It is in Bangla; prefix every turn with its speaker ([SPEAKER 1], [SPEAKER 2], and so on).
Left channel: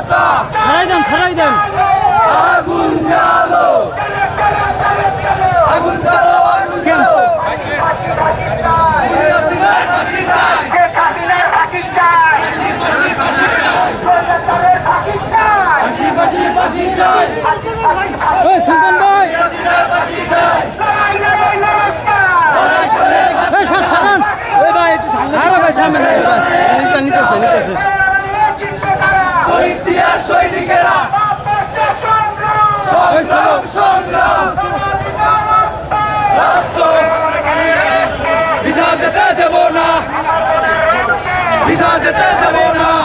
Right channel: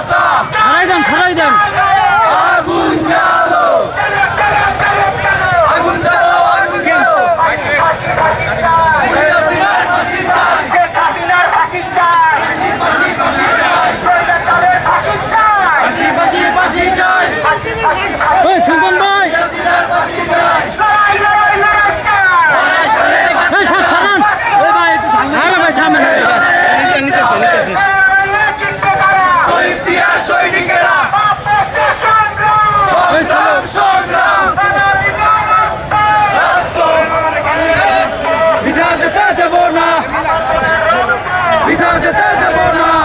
[SPEAKER 1] সরাই দেন সরাই দেন।
[SPEAKER 2] আগুন জ্বালো। আগুন জ্বালো আগুন জ্বালো।
[SPEAKER 1] ভাই।
[SPEAKER 2] যেতে দেব না। বিধা যেতে দেব না।